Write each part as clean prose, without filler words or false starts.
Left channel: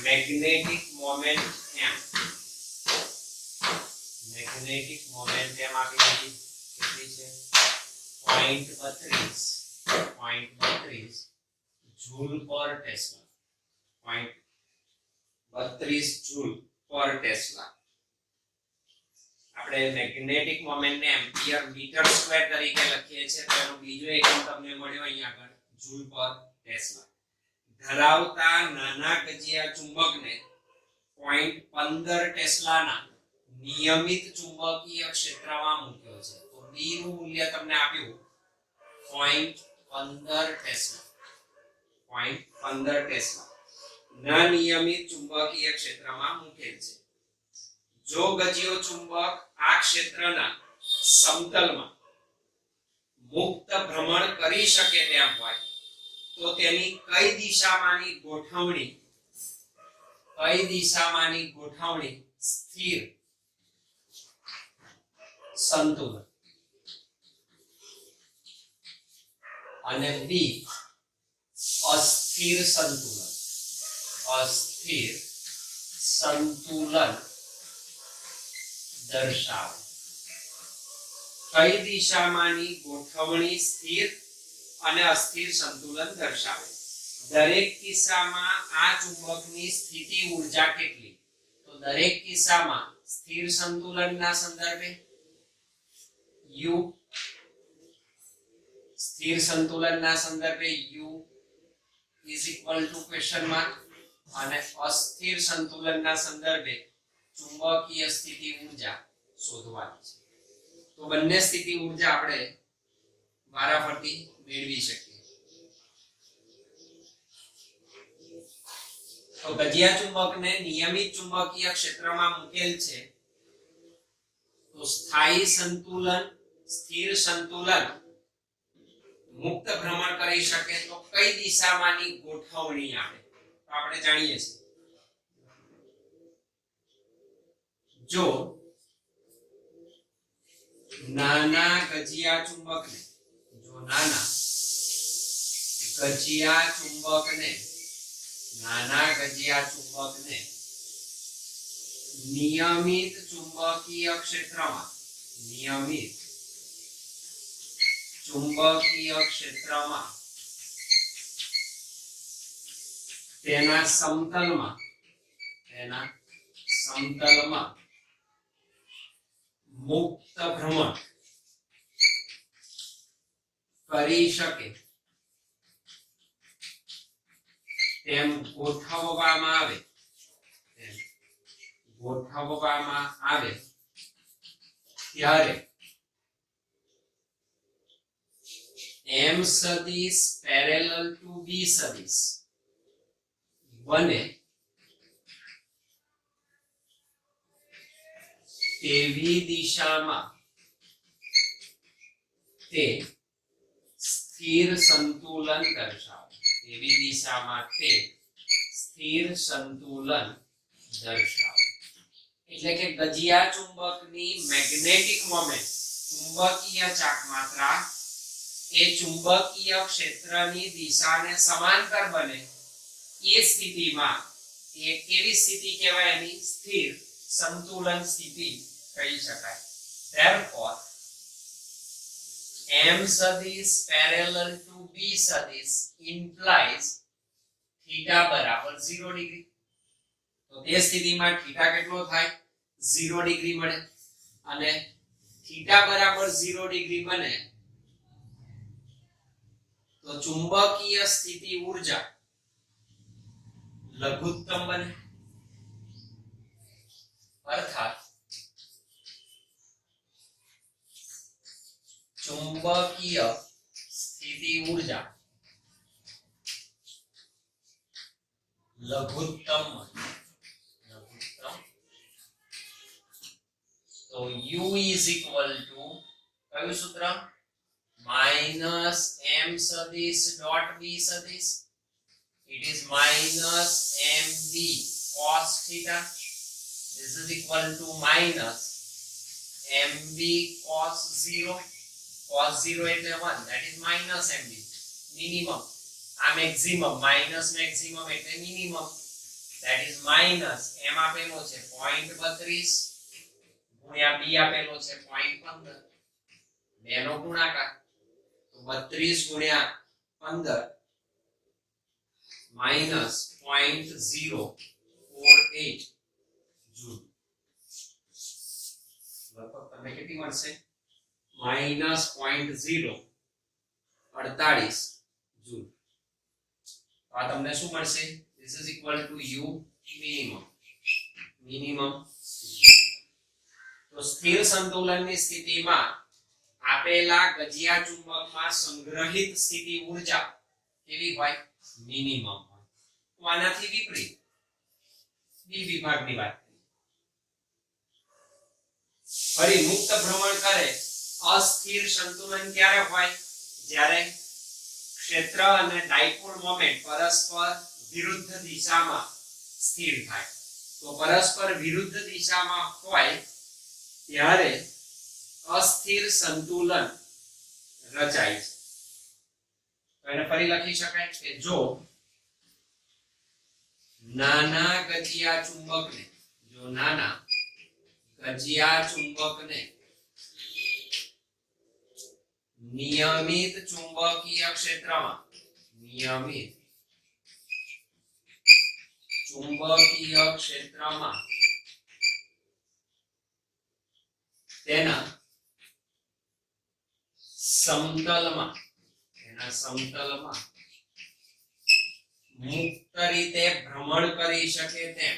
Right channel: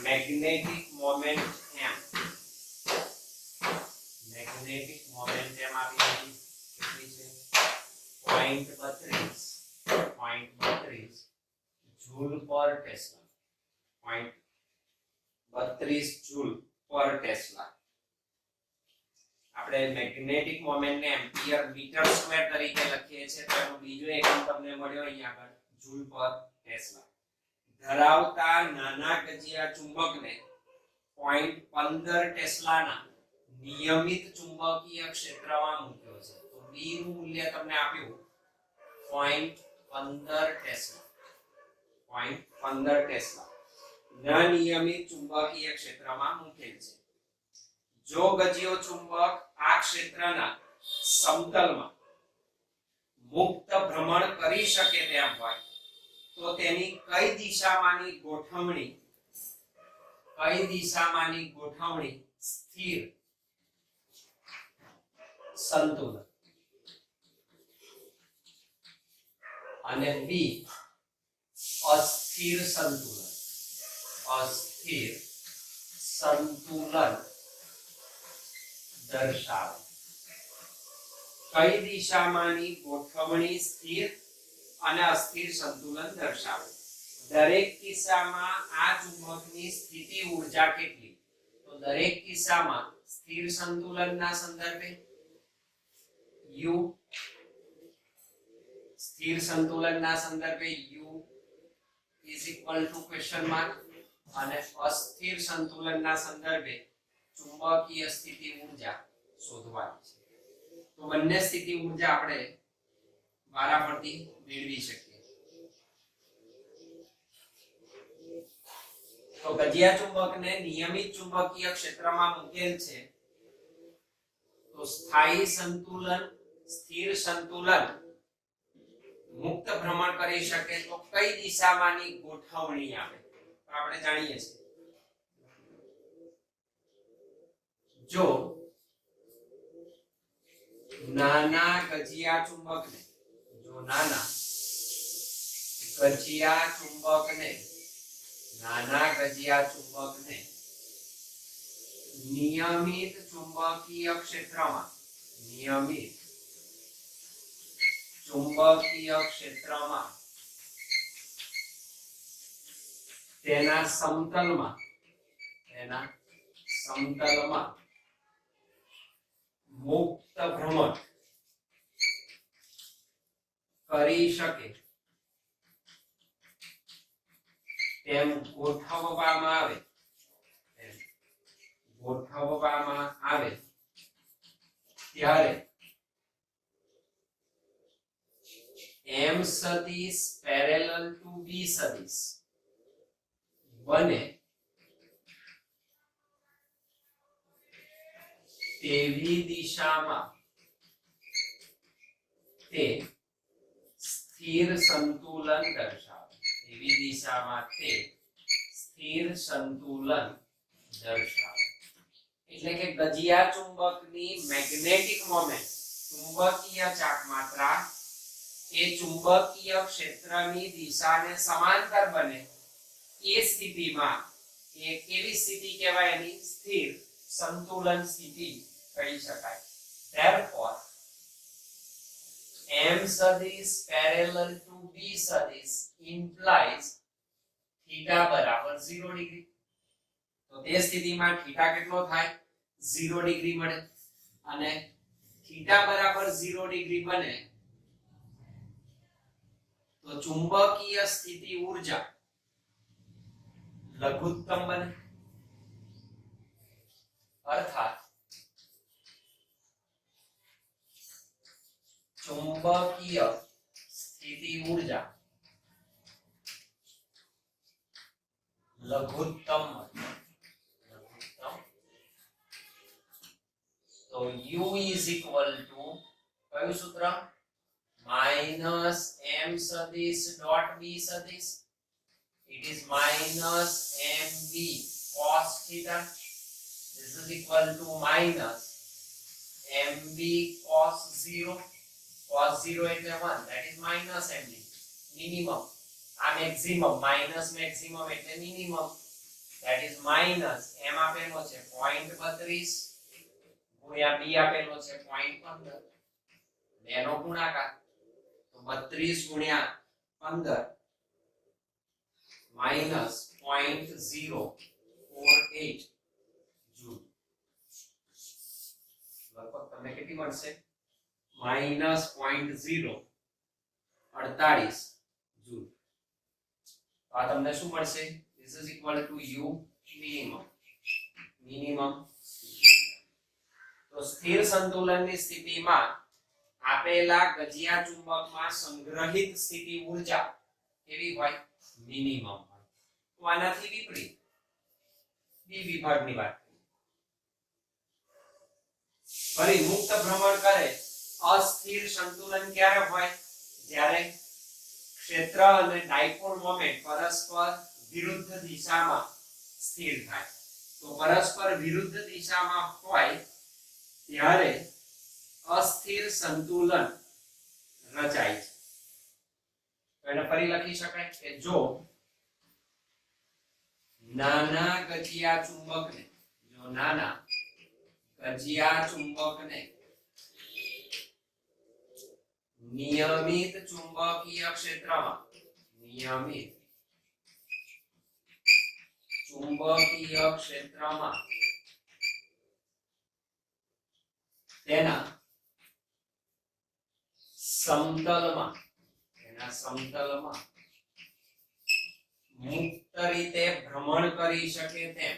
Magnetic moment m magnetic moment m આપી દીધી કેટલી છે 0.32 जूल पर टेस्ला 0.32 जूल पर टेस्ला આપણે મેગ્નેટિક મોમેન્ટ ને એમ્પિયર મીટર સ્ક્વેર તરીકે લખીએ છીએ તેનો બીજો એકમ તમને મળ્યો અહીંયા આગળ જૂલ પર ટેસ્લા ધરાવતા નાના ગજિયા ચુંબકને 0.15 ટેસ્લાના નિયમિત ચુંબકીય ક્ષેત્રમાં મૂક્યો છે તો b નું મૂલ્ય તમને આપ્યું 0.15 ટેસ્લા 0.15 ટેસ્લા ના નિયમિત ચુંબકીય ક્ષેત્રમાં મૂકેલ છે જો ગજિયો ચુંબક આ ક્ષેત્રના સમતલમાં મુક્ત ભ્રમણ કરી શકે તેમ હોય તો તેની કઈ દિશામાંની ગોઠવણી સ્થિર સંતુલન અને બી અસ્થિર સંતુલન દર્શાવે કઈ દિશામાંની ગોઠવણી સ્થિર અને અસ્થિર સંતુલન દર્શાવે દરેક કિસ્સામાં આ ચુંબકની સ્થિતિ ઊર્જા કેટલી તો દરેક કિસ્સામાં સ્થિર સંતુલનના સંદર્ભે u સ્થિર સંતુલનના સંદર્ભે u क्वेश्चन मार्क અને અસ્થિર સંતુલનના સંદર્ભે ચુંબકીય સ્થિતિ ઊર્જા શોધવાની છે તો બંને સ્થિતિ ઊર્જા આપણે વારાફરતી મેળવી શકીએ તો ગજિયા ચુંબકને નિયમિત ચુંબકીય ક્ષેત્રમાં મૂકેલ છે તો સ્થાયી સંતુલન સ્થિર સંતુલન મુક્ત ભ્રમણ કરી શકે તો કઈ દિશામાંની ગોઠવણી આવે તો આપણે જાણીએ છીએ જો નાના ગજિયા ચુંબકને નિયમિત ચુંબકીય ક્ષેત્રમાં તેના સમતલમાં મુક્ત ભ્રમણ કરી શકે તેમ ગોઠવવામાં આવે ત્યારે m સદિશ પેરેલલ ટુ b સદિશ બને તેવી દિશામાં તે સ્થિર સંતુલન દર્શાવે એટલે કે ગજિયા ચુંબકની મેગ્નેટિક મોમેન્ટ ચુંબકીય ચાકમાત્રા એ ચુંબકીય ક્ષેત્રની દિશાને સમાંતર બને એ સ્થિતિમાં એ કેવી સ્થિતિ કહેવાય એની સ્થિર સંતુલન સ્થિતિ કહી શકાય therefore m સદિશ parallel to b સદિશ implies theta બરાબર 0 ડિગ્રી તો તે સ્થિતિમાં થીટા કેટલો થાય 0 ડિગ્રી મળે અને થીટા બરાબર 0 ડિગ્રી બને તો ચુંબકીય સ્થિતિ ઊર્જા લઘુત્તમ બને अर्थात चुंबकीय स्थिति ऊर्जा लघुत्तम तो U is equal to कयु सूत्र माइनस m सदिश डॉट b सदिश it is minus mb cos theta. This is equal to minus mb cos 0. Cos 0 એટલે 1, that is minus mb minimum. આ maximum minus maximum એટલે minimum, that is minus m આપેલો છે 0.32 ગુણ્યા b આપેલો છે 0.15. બેનો ગુણાકાર તો 32 ગુણ્યા 15 minus 0.048 જૂલ. લગભગ તમને કેટલી મળશે? minus 0.048 joule. આ તમને શું મળશે? this is equal to u minimum. તો સ્થિર સંતુલનની સ્થિતિમાં આપેલા ગજિયા ચુંબકમાં સંગ્રહિત સ્થિતિ ઊર્જા કેવી હોય? મિનિમમ હોય. તો આનાથી વિપરીત બી વિભાગની વાત કરીએ. ફરી મુક્ત ભ્રમણ કરે અસ્થિર સંતુલન ક્યારે હોય? જ્યારે ક્ષેત્ર અને ડાયપોલ મોમેન્ટ પરસ્પર વિરુદ્ધ દિશામાં સ્થિર થાય. તો પરસ્પર વિરુદ્ધ દિશામાં હોય ત્યારે અસ્થિર સંતુલન રચાય છે. તો એને ફરી લખી શકાય કે જો નાના ગજિયા ચુંબકને નિયમિત ચુંબકીય ક્ષેત્રમાં તેના સમતલમાં મુક્ત રીતે ભ્રમણ કરી શકે તેમ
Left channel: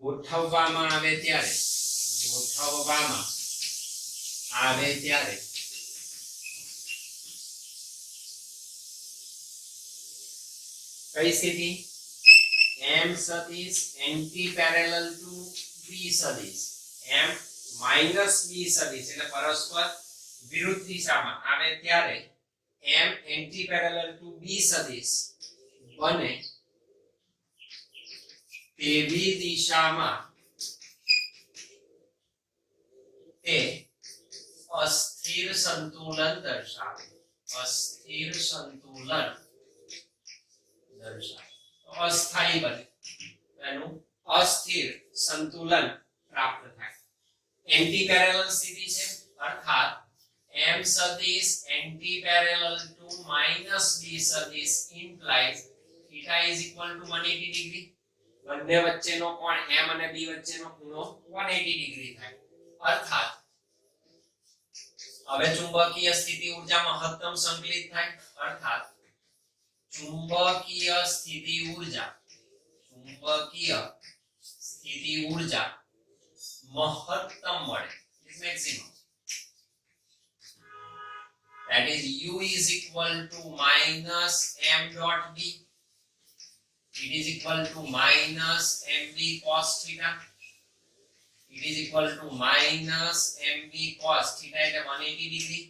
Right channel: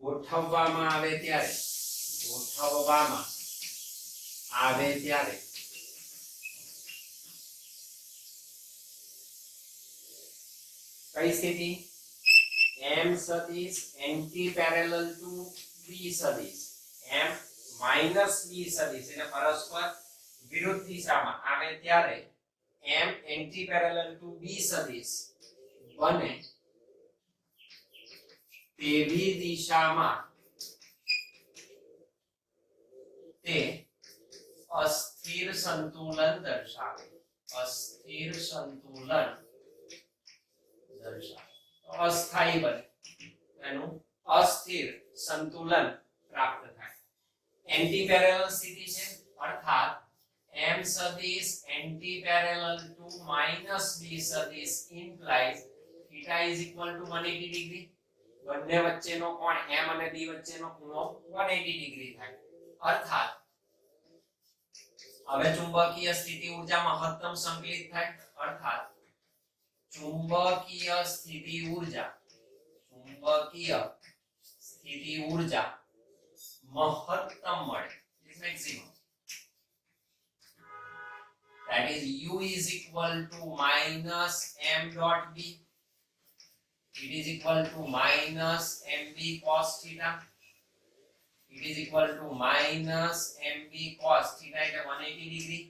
ગોઠવવામાં આવે ત્યારે કઈ સ્થિતિ? m સદિશ એન્ટી પેરેલલ ટુ b સદિશ, m માઈનસ b સદિશ એટલે પરસ્પર વિરુદ્ધ દિશામાં આવે ત્યારે m anti parallel to b સદિશ બને તેવી દિશામાં તે અસ્થિર સંતુલન દર્શાવે. અસ્થાયી બને, એનું અસ્થિર સંતુલન પ્રાપ્ત થાય. એન્ટી પેરેલલ સ્થિતિ છે અર્થાત m સદિશ anti parallel to minus b સદિશ implies θ is equal to 180 degree. બંને વચ્ચેનો કોણ m અને b વચ્ચેનો ખૂણો 180 ડિગ્રી થાય. અર્થાત હવે ચુંબકીય સ્થિતિ ઊર્જા મહત્તમ સંકલિત થાય. અર્થાત ચુંબકીય સ્થિતિ ઊર્જા મહત્તમ મળે, maximum. That is u is equal to minus m dot b. It is equal to minus mb cos theta. It is equal to minus mb cos theta એટલે 180 ડિગ્રી.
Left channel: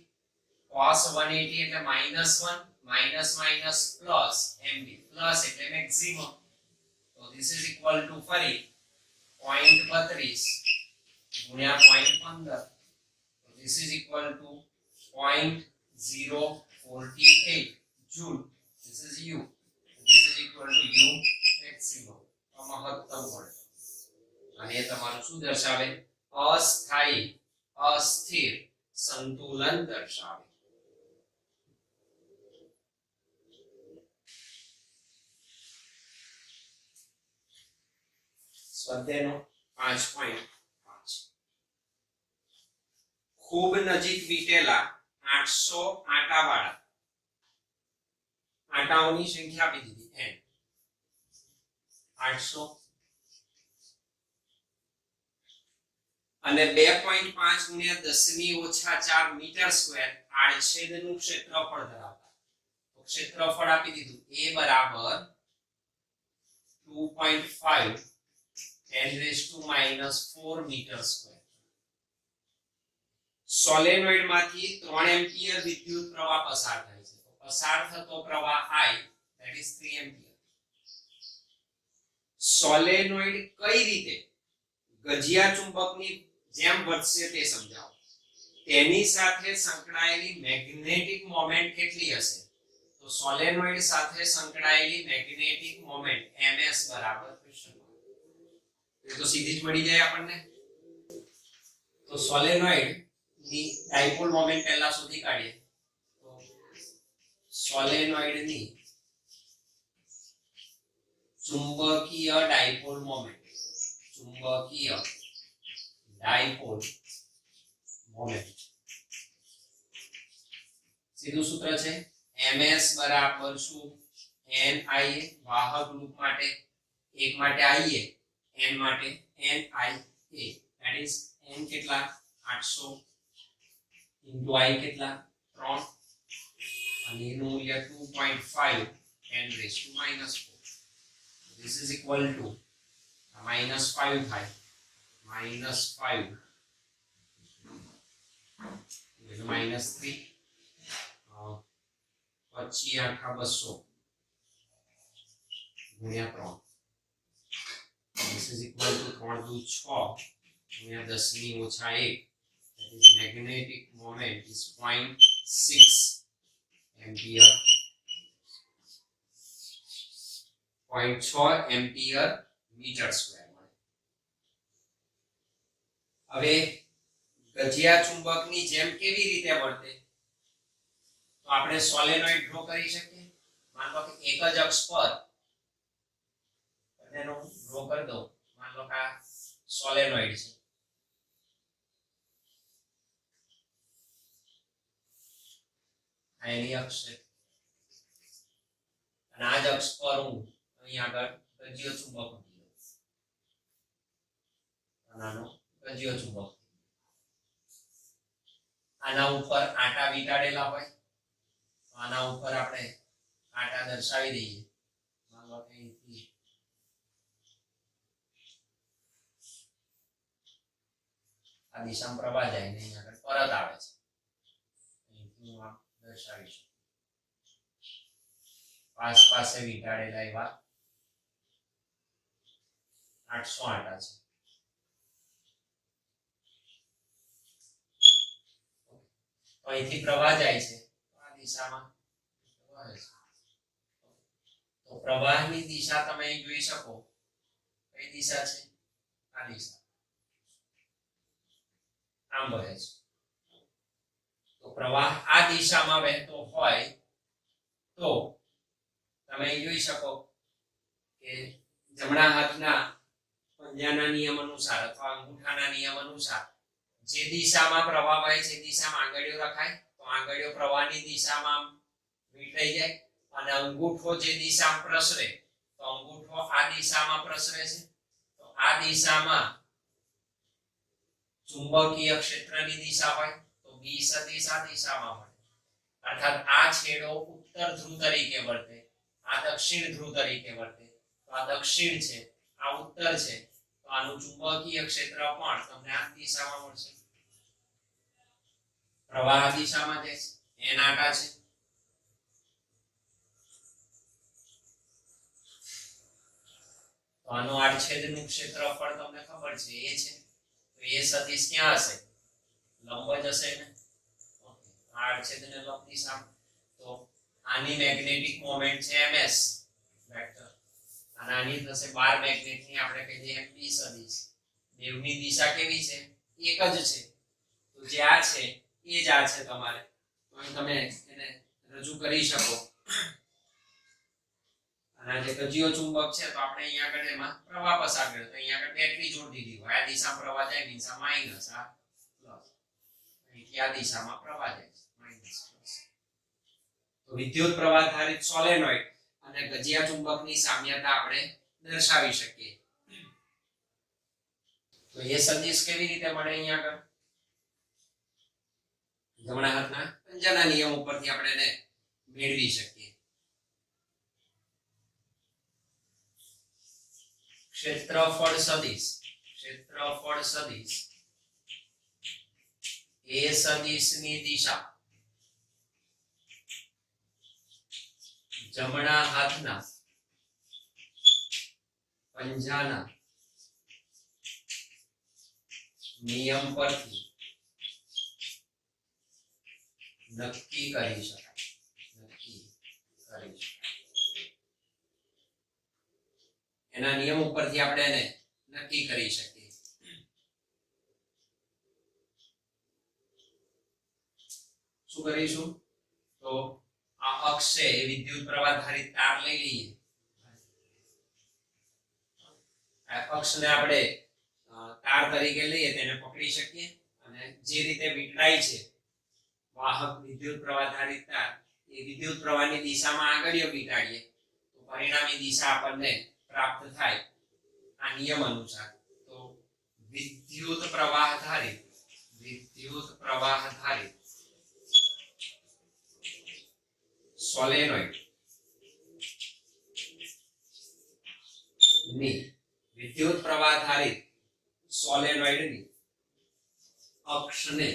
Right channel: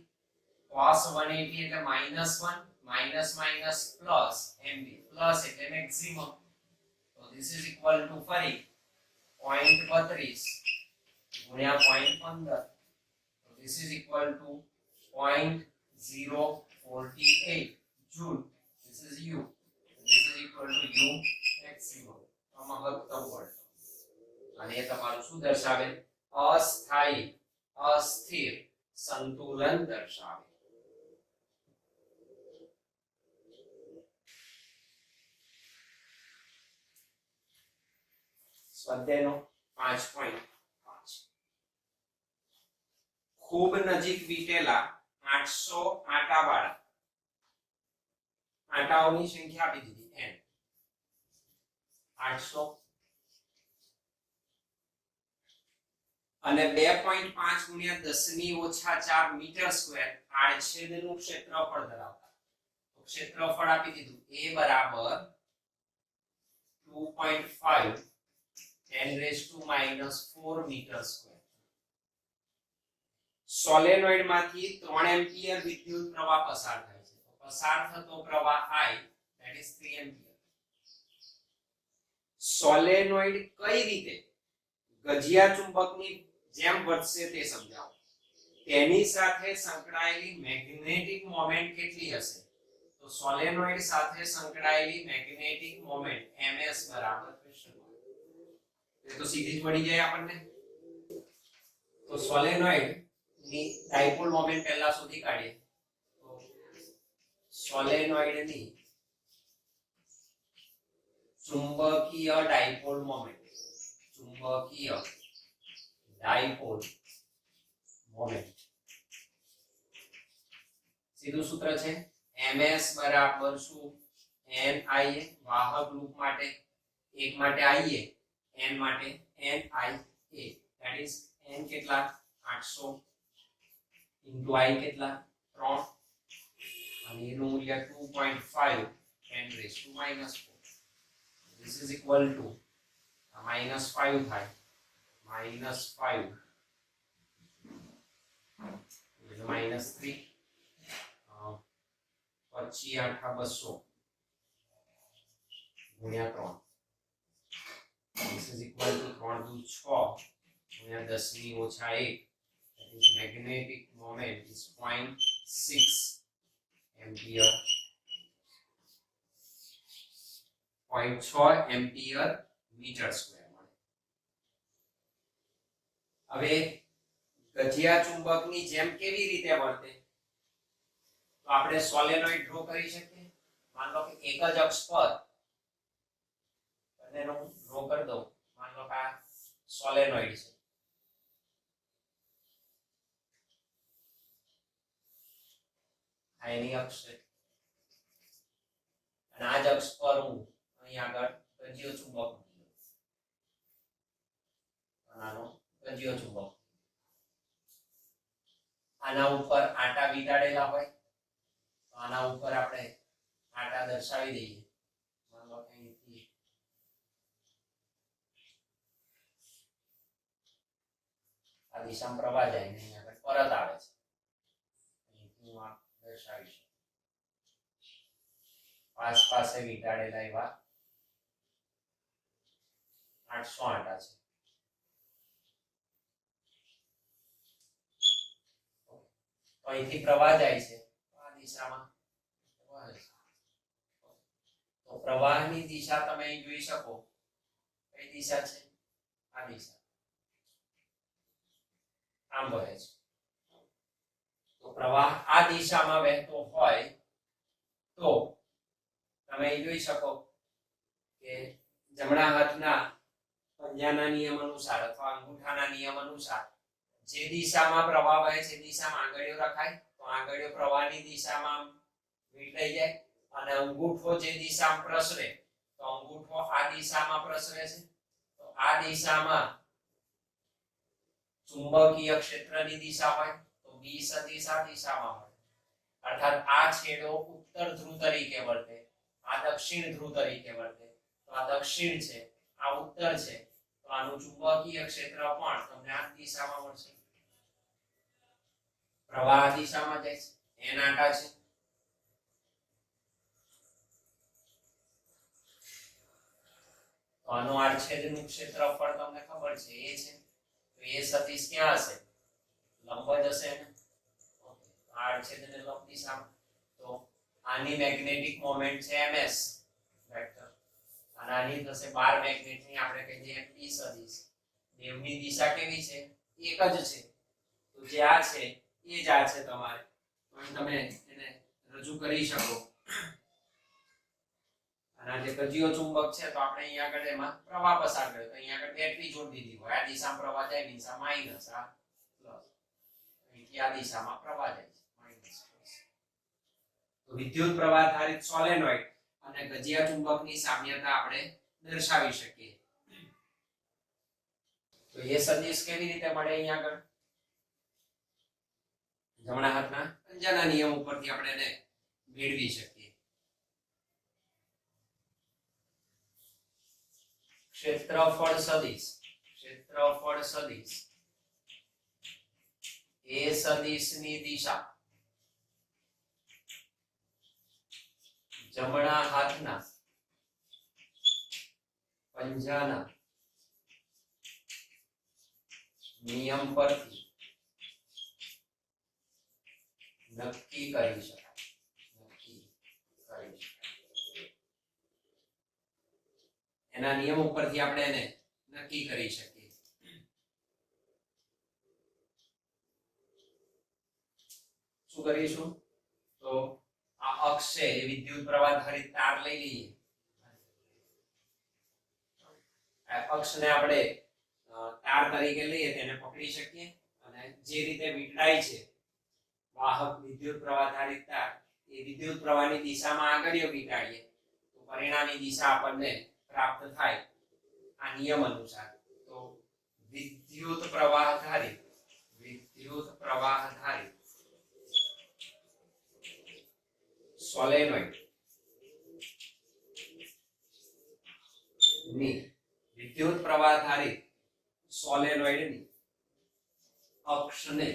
cos 180 એટલે minus 1, minus minus plus mb plus એટલે maximum. So this is equal to ફરી 0.32 ગુણ્યા 0.15. So this is equal to 0.048 joule. This is u. This is equal to u maximum. મહત્તમ volt. અને એ તમારું શું દર્શાવે? અસ્થિર સંતુલન દર્શાવે. સ્વાધ્યાયનો 5.5 ખૂબ નજીક વીટેલા 800 આટાવાળા આટાઓની સંખ્યા આપી દીધી n 800 અને 2.5 ગુણ્યા 10 ની ઓછા 4 મીટર સ્ક્વેર આડછેદનું ક્ષેત્રફળ ધરાવતા. તો ક્ષેત્રફળ આપી દીધું a બરાબર 2.5 10 raised to minus 4 meter square. Solenoid માંથી 3 એમ્પિયર વિદ્યુત પ્રવાહ પસાર થાય છે. તો પસાર થતો પ્રવાહ I that is 3 ampere. Solenoid કઈ રીતે ગજિયા ચુંબકની જેમ વર્તશે તે સમજાવો. તેની સાથે સંકળાયેલી મેગ્નેટિક મોમેન્ટ કેટલી હશે? તો સોલેનોઇડ સાથે સંકળાયેલી મેગ્નેટિક મોમેન્ટ ms બરાબર ક્વેશ્ચન માર્ક. તો સીધી જ મળી જાય આપણને. તો સોલેનોઇડ ની ડાયપોલ મોમેન્ટ પહેલા શોધી કાઢીએ. તો સોલેનોઇડ ની ચુંબકીય ડાયપોલ મોમેન્ટ, ચુંબકીય ડાયપોલ મોમેન્ટ સીધું સૂત્ર છે ms બરાબર શું nia વાહક લૂપ માટે, એક માટે ia, n માટે nia, that is n કેટલા 800 into I કેટલા 3 અને એનું મૂલ્ય 2.5 10 raised to minus 4. This is equal to minus 5 થાય, minus 5 minus 3 પછી આખા 200 ગુણ્યા 3. This is equal to 3 દુ 6 ગુણ્યા 10 ની ઓછા 1. That is magnetic moment is 0.6 ampere, 0.6 ampere meter square. હવે ગજિયા ચુંબકની જેમ કેવી રીતે વર્તે? તો આપણે સોલેનોઇડ ડ્રો કરી શકીએ. માન લો કે એક જ અક્ષ પર એનો ડ્રો કરી દો. માન લો કે આ સોલેનોઇડ છે. આ એની અક્ષ છે અને આ જ અક્ષ પર હું અહીં આગળ ગજિયો ચુંબક મૂકી દઉં. આનો ગજિયો ચુંબક આના ઉપર આટા વીંટાળેલા હોય તો આના ઉપર આપણે આટા દર્શાવી દઈએ. માન લો કે અહીંથી આ દિશામાં પ્રવાહ જાય ને અહીં આગળ પરત આવે છે. અહીંથી હું આ દર્શાવીશું. આસપાસે વીંટાળેલા એવા 800 આટા છે. તો અહીંથી પ્રવાહ જાય છે આ દિશામાં વહે છે. તો પ્રવાહની દિશા તમે અહીં જોઈ શકો. કઈ દિશા છે? આ દિશા. આમ વહે છે. તો પ્રવાહ આ દિશામાં વહેતો હોય તો તમે અહીં જોઈ શકો કે જમણા હાથના પંજાના નિયમ અનુસાર અથવા અંગૂઠાના નિયમ અનુસાર જે દિશામાં પ્રવાહ વહે છે દિશામાં આંગળીઓ રખાય તો આંગળીઓ પ્રવાહની દિશામાં વીંટાઈ જાય અને અંગૂઠો જે દિશામાં પ્રસરે તો અંગૂઠો આ દિશામાં પ્રસરે છે. તો આ દિશામાં ચુંબકીય ક્ષેત્રની દિશા હોય તો b સદિશ આ દિશામાં હોય. અર્થાત આ છેડો ઉત્તર ધ્રુવ તરીકે વર્તે, આ દક્ષિણ ધ્રુવ તરીકે વર્તે. તો આ દક્ષિણ છે, આ ઉત્તર છે. તો આનું ચુંબકીય ક્ષેત્ર પણ તમને આ દિશામાં મળશે. પ્રવાહ આ દિશામાં જાય છે, n આટા છે. તો આનું આડછેદનું ક્ષેત્રફળ તમને ખબર છે એ છે. તો એ સદિશ ક્યાં હશે? લંબ જ હશે ને. ઓકે, આડછેદને લંબ દિશામાં. તો આની મેગ્નેટિક મોમેન્ટ છે ms વેક્ટર અને આની થશે 12 મેગ્નેટની આપણે કહી દઈએ p સદિશ. બેવની દિશા કેવી છે? એક જ છે. તો જે આ છે એ જ આ છે તમારે. તો અહીં તમે એને રજૂ કરી શકો. અને આ જે ગજિયો ચુંબક છે તો આપણે અહીં આગળ એમાં પ્રવાહ પસાર કર્યો તો અહીં આગળ બેટરી જોડી દીધી હોય. આ દિશામાં પ્રવાહ જાય, દિશા માઈનસ, આ પ્લસ. અહીંથી આ દિશામાં પ્રવાહ જાય છે માઈનસ પ્લસ. તો વિદ્યુત પ્રવાહ આધારિત સોલેનોઇડ અને ગજિયા ચુંબકની સામ્યતા આપણે દર્શાવી શકીએ. તો એ સદિશ કેવી રીતે મળે? અહીં આગળ જમણા હાથના પંજાના નિયમ ઉપરથી આપણે એને મેળવી શકીએ. ક્ષેત્રફળ સદિશ, ક્ષેત્રફળ સદિશ એ સદિશની દિશા જમણા હાથના પંજાના નિયમ પરથી નક્કી કરી શકાય. એના નિયમ ઉપરથી આપણે એને નક્કી કરી શકીએ. શું કરીશું? તો આ અક્ષ છે એ વિદ્યુત પ્રવાહ ધારિત તાર લઈ લઈએ. આ અક્ષને આપણે તાર તરીકે લઈએ તેને પકડી શકીએ અને જે રીતે વીંટળાય છે વાહક વિદ્યુત પ્રવાહ ધારિત તાર એ વિદ્યુત પ્રવાહની દિશામાં આગળીઓ વીંટાળીએ તો પરિણામી દિશા આપણને પ્રાપ્ત થાય આ નિયમ અનુસાર. તો વિદ્યુત પ્રવાહ ધારિત સોલેનોઇડ ની વિદ્યુત પ્રવાહ ધારિત સોલેનોઇડની અક્ષને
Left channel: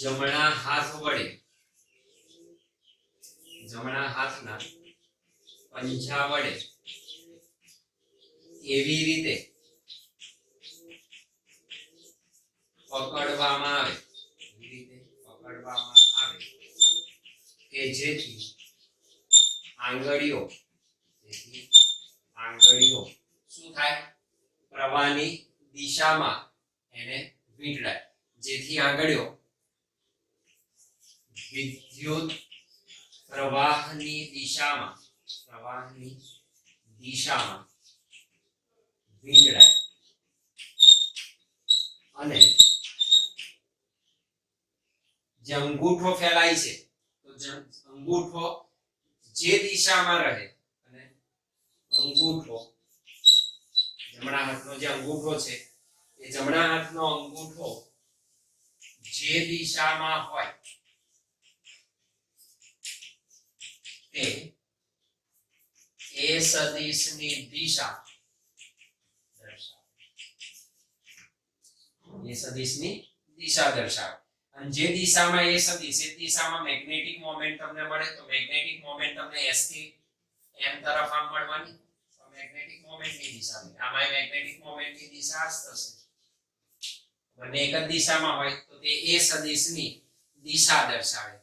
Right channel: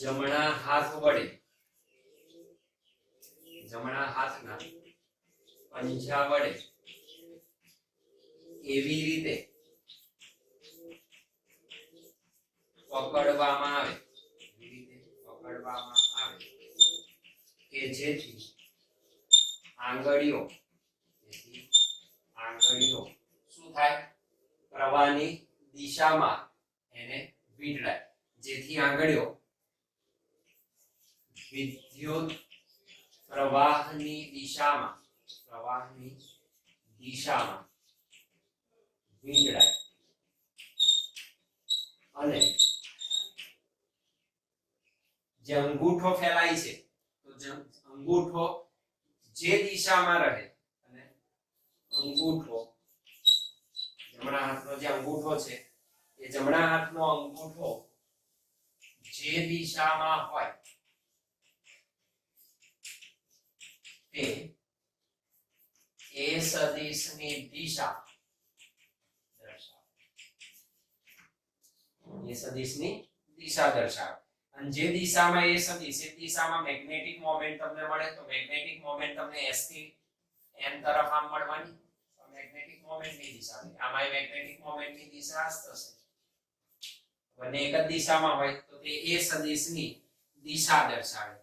જમણા હાથના પંજા વડે એવી રીતે પકડવામાં આવે કે જેથી આંગળીઓ શું થાય? પ્રવાહની દિશામાં એને વીંટળાય, જેથી આંગળીઓ વિદ્યુત પ્રવાહની દિશામાં વીંટળાય અને જે અંગૂઠો ફેલાય છે તો અંગૂઠો જે દિશામાં રહે અને અંગૂઠો જમણા હાથનો જે અંગૂઠો છે એ જમણા હાથનો અંગૂઠો જે દિશામાં હોય તે એ સદિશની દિશા દર્શાવે. અને જે દિશામાં એ સદિશ એ દિશામાં મેગ્નેટિક મોમેન્ટ તમને મળે તો મેગ્નેટિક મોમેન્ટ તમને s થી m તરફ આમ મળવાની. મેગ્નેટિક મોમેન્ટની દિશા આમાં મેગ્નેટિક મોમેન્ટની દિશા જ થશે. બંને એક જ દિશામાં હોય તો તે એ સદિશની દિશા દર્શાવે.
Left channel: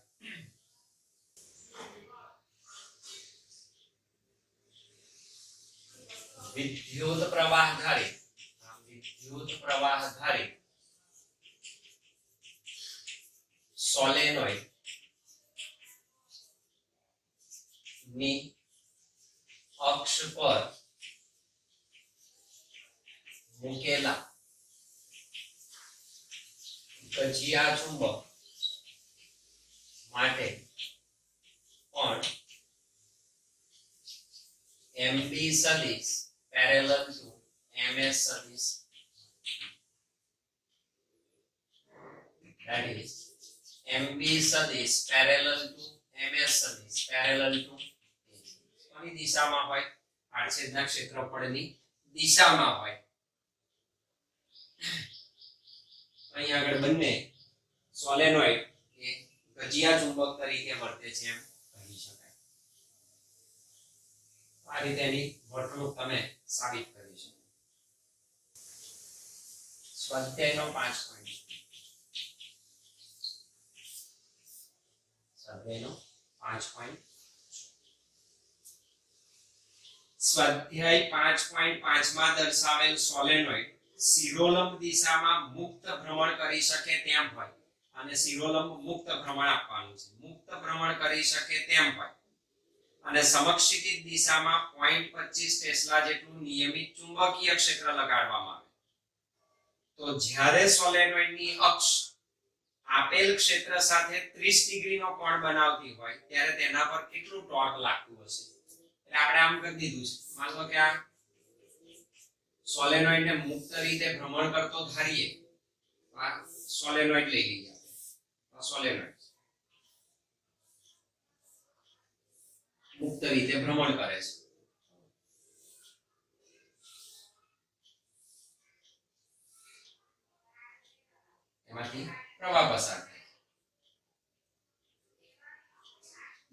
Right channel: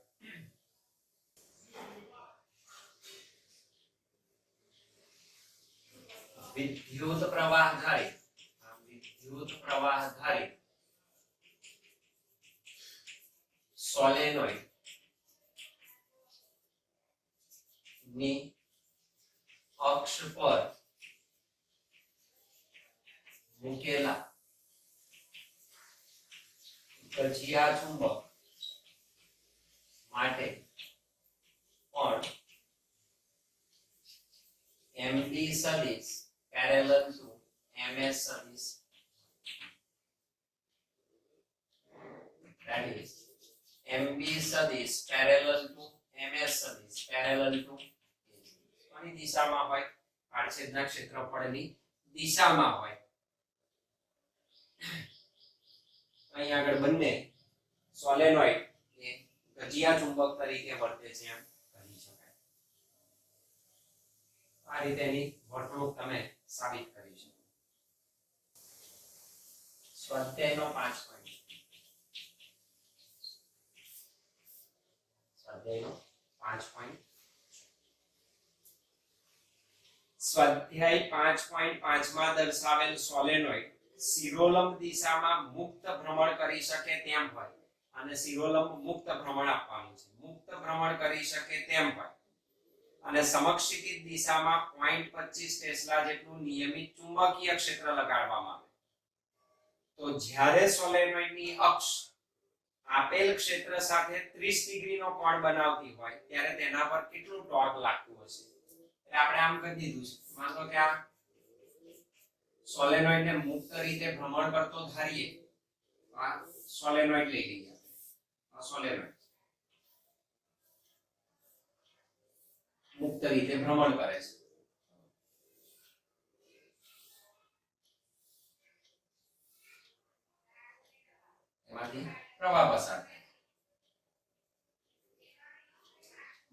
વિદ્યુત પ્રવાહ ધારિત સોલેનોઇડ ની અક્ષ પર મૂકેલા ગજિયા ચુંબક માટે પણ MB સદિશ parallel to MS સદિશ, that is MB સદિશ parallel to MS સદિશ parallel to કોની દિશામાં હોય? આડછેદના ક્ષેત્રફળની દિશામાં હોય. અહીં આગળ બંને સોલેનોઇડ એ ગજિયા ચુંબક તરીકે વર્તે છે એમ કહી શકાય. આ રીતે એની વર્તણૂક તમે સાબિત કરી શકો. સ્વાધ્યાયનો 5 પોઈન્ટ. સ્વાધ્યાય 5.5 માં દર્શાવેલ સોલેનોઇડ શિરોલંબ દિશામાં મુક્ત ભ્રમણ કરી શકે તેમ હોય અને શિરોલંબ મુક્ત ભ્રમણ આપવાનું છે. મુક્ત ભ્રમણ કરી શકે તેમ હોય અને સમક્ષિતિજ દિશામાં 0.25 ટેસ્લા જેટલું નિયમિત ચુંબકીય ક્ષેત્ર લગાડવામાં આવે તો જ્યારે સોલેનોઇડની અક્ષ આપેલ ક્ષેત્ર સાથે 30 ડિગ્રીનો કોણ બનાવતી હોય ત્યારે તેના પર કેટલું ટોર્ક લાગતું હશે? એટલે આપણે આમ કરી દીધું છે. માનો કે આ સોલેનોઇડને મુક્ત રીતે ભ્રમણ કરતો ધારીએ. આ સોલેનોઇડ લઈ લઈએ. આ સોલેનોઇડ મુક્ત રીતે ભ્રમણ કરે છે. માંથી પ્રવાહ પસાર થાય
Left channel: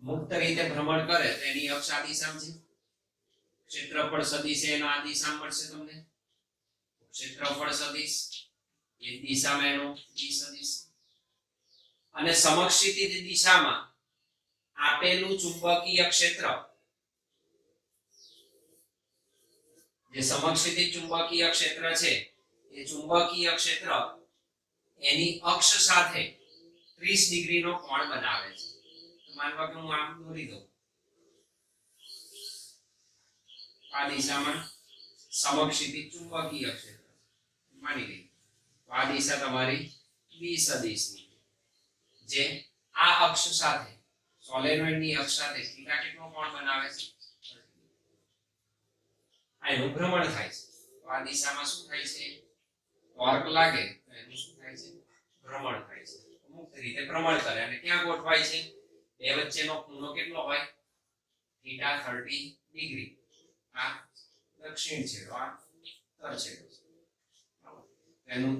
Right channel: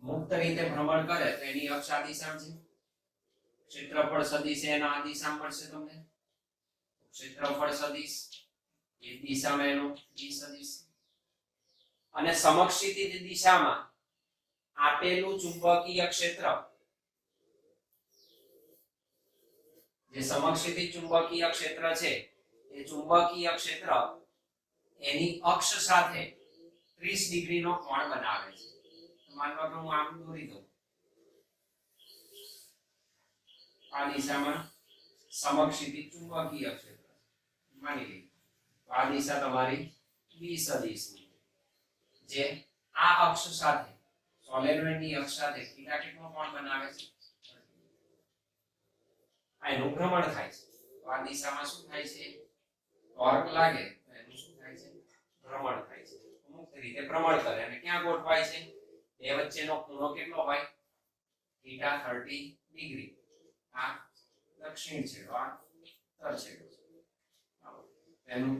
મુક્ત રીતે ભ્રમણ કરે તો એની અક્ષ આ દિશામાં છે ક્ષેત્રફળ સદિશ એનો આ દિશામાં મળશે તમને ક્ષેત્રફળ સદિશ એ દિશામાં એનો બી સદિશ અને સમક્ષિતિજ દિશામાં આપેલું ચુંબકીય ક્ષેત્ર જે સમક્ષિતિજ ચુંબકીય ક્ષેત્ર છે એ ચુંબકીય ક્ષેત્ર એની અક્ષ સાથે 30 ડિગ્રીનો કોણ બનાવે છે તો માનવા કે હું આમ દોરી દઉં આ દિશામાં સમક્ષિતિજ ચુંબકીય ક્ષેત્ર માની લઈએ તો આ દિશા તમારી બી સદિશની જે આ અક્ષ સાથે સોલેનોઇડની અક્ષ સાથે થીટા કેટલો કોણ બનાવે છે આ એનું ભ્રમણ થાય છે તો આ દિશામાં શું થાય છે ટોર્ક લાગે તો એનું શું થાય છે ભ્રમણ થાય છે મુક્ત રીતે ભ્રમણ કરે અને ક્યાં ગોઠવાય છે બે વચ્ચેનો ખૂણો કેટલો હોય થીટા 30 ડિગ્રી આ દક્ષિણ છેડો આ ઉત્તર છેડો છે એનું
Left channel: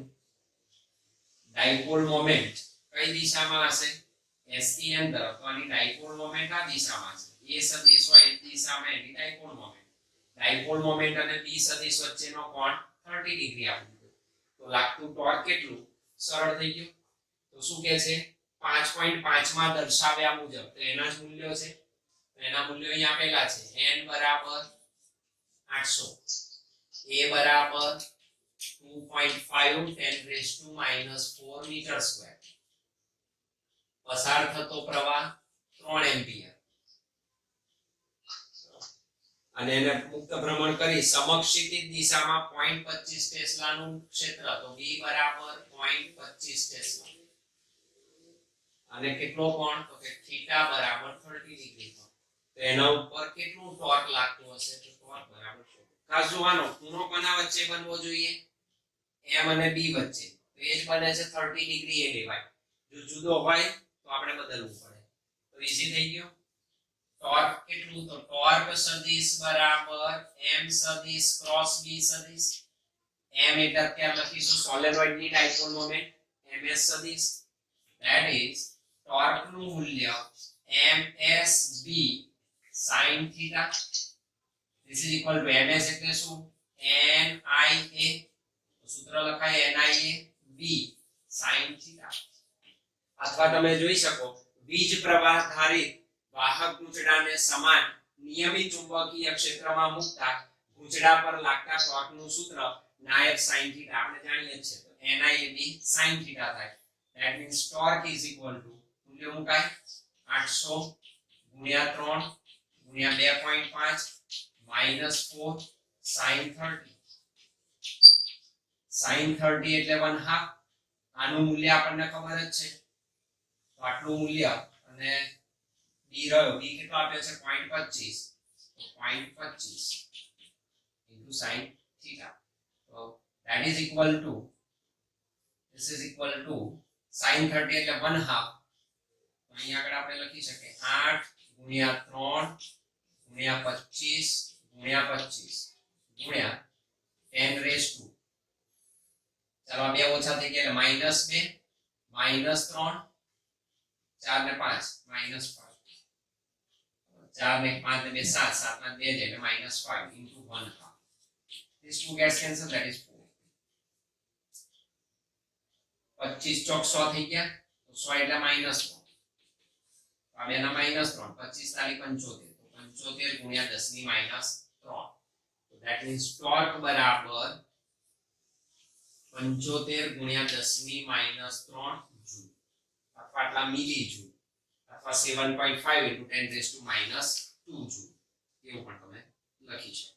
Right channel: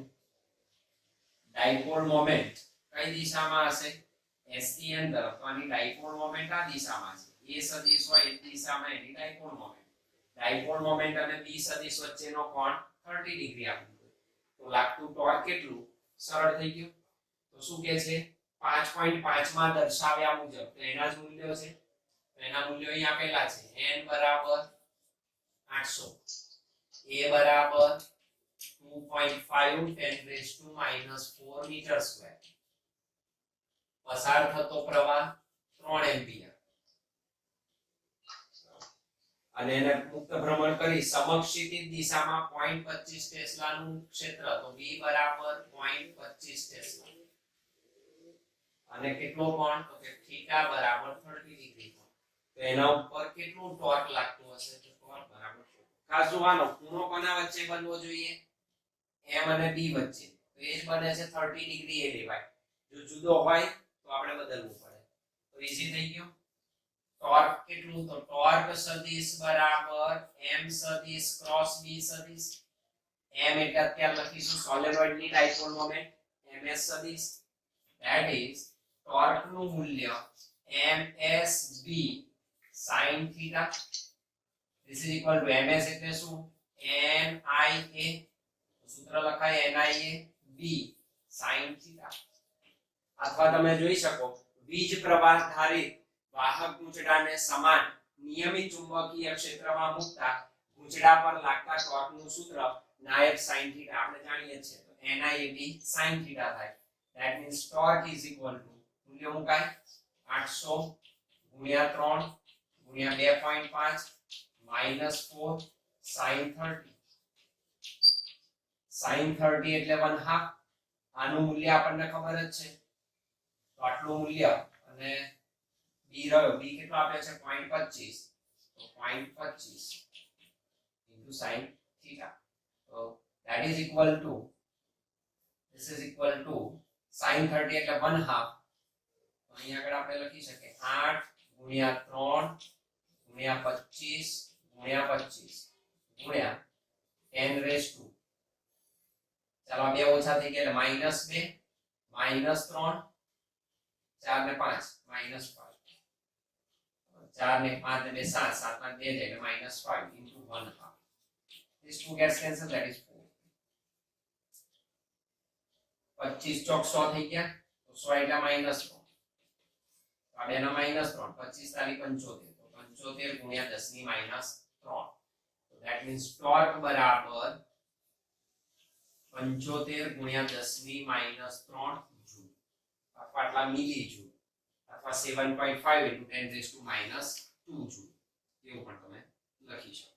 ડાયપોલ મોમેન્ટ કઈ દિશામાં હશે S થી n તરફ તો આની ડાયપોલ મોમેન્ટ આ દિશામાં છે a સદિશ હોય એ દિશામાં એની ડાયપોલ મોમેન્ટ અને b સદિશ વચ્ચેનો કોણ 30 ડિગ્રી આપ્યું તો લાગતું ટોર્ક કેટલું સરળ થઈ ગયું તો શું કહે છે 5.5 માં દર્શાવ્યા મુજબ તો એના જ મૂલ્યો છે એના મૂલ્યો અહીં આપેલા છે n બરાબર 800 a બરાબર 2.5 10⁻⁻⁴ મીટર સ્ક્વેર પસાર થતો પ્રવાહ 3 એમ્પિયર અને એને મુક્ત ભ્રમણ કરી સમક્ષિતિજ દિશામાં 0.25 ટેસ્લાનું ક્ષેત્ર તો b બરાબર 0.25 ટેસ્લા અને કેટલો કોણ તો કે થીટા બરાબર 30 ડિગ્રી કોણ તો એના ઉપર કેટલું ટોર્ક લાગતું હશે તો ટોર્ક બરાબર ખાસ જોવાનો ખૂણો કોના વચ્ચે બનવો જોઈએ m અને b વચ્ચે તો એ જ બને છે 30 ડિગ્રી એ લેવાય જો જુદો હોય તો આપણે બદલવું પડે તો ઈઝી થઈ ગયું ટોર્ક કેટલું તો ટોર્ક સદિશ બરાબર m સદિશ ક્રોસ b સદિશ m એટલે અત્યારે લખીશું સોલેનોઇડની ડાયપોલ મોમેન્ટ ms સદિશ that is ટોર્ક નું મૂલ્ય msb sin theta this is equal to ms એટલે શું nia સૂત્ર લખાય nia b sin theta અથવા તમે જોઈ શકો વીજ પ્રવાહ ધારિત વાહક ગૂંચડાને સમાન નિયમિત ચુંબકીય ક્ષેત્રમાં મૂકતા ગૂંચડા પર લાગતા ટોર્કનું સૂત્ર નાયબ sin theta આપણે જાણીએ છીએ તો NIAB sin theta થાય that means torque is equal to મૂલ્ય મુકાય 800 ગુણ્યા 3 ગુણ્યા 2.5 -4 sin 30 sin 30 એટલે 1/2 આનું મૂલ્ય આપણને ખબર જ છે તો આટલું મૂલ્ય અને b રહ્યો b કેટલો આપ્યો છે 0.25 તો 0.25 into sin theta so that is equal to this is equal to sin 30 એટલે 1/2 તો અહીં આગળ આપણે લખી શકીએ 8 ગુણ્યા 3 ગુણ્યા 25 ગુણ્યા 25 ગુણ્યા 10 રેઝ ટુ ચાલો બે ઓછા થઈ ગયા એટલે -2 -3 4 ને 5 -5 4 ને 5 ને 2 7 7 માં 2 જાય એટલે -5 into 1/2 this two gets cancelled that is 4 25 ચોક 100 થઈ ગયા તો 100 એટલે -3 આ બે ના -3 25 તારી 75 તો 75 ગુણ્યા 10 ની -3 તો that means ટોર્ક બરાબર 75 ગુણ્યા 10 ની -3 જૂલ અથવા આટલા મિલી જૂલ અથવા 7.5 into 10 raised to -2 જૂલ એવું પણ તમે લખી શકો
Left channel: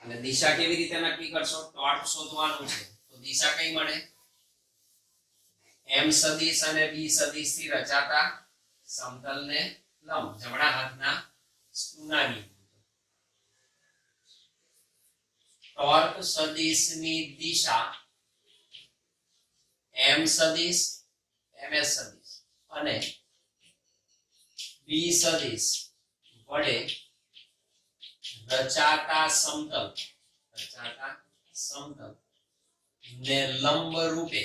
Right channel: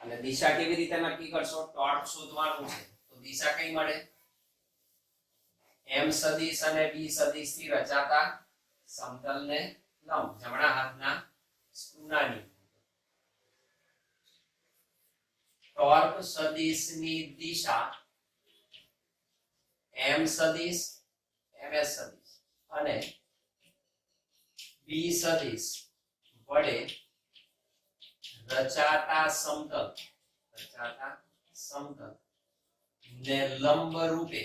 અને દિશા કેવી રીતે નક્કી કરશો ટોર્ક શોધવાનું છે તો દિશા કઈ મળે m સદિશ અને b સદિશ થી રચાતા સમતલને લંબ જમણા હાથના ખૂણાની ટોર્ક સદિશની દિશા m સદિશ ms સદિશ અને b સદિશ વડે રચાતા સમતલ સમતલ ને લંબ રૂપે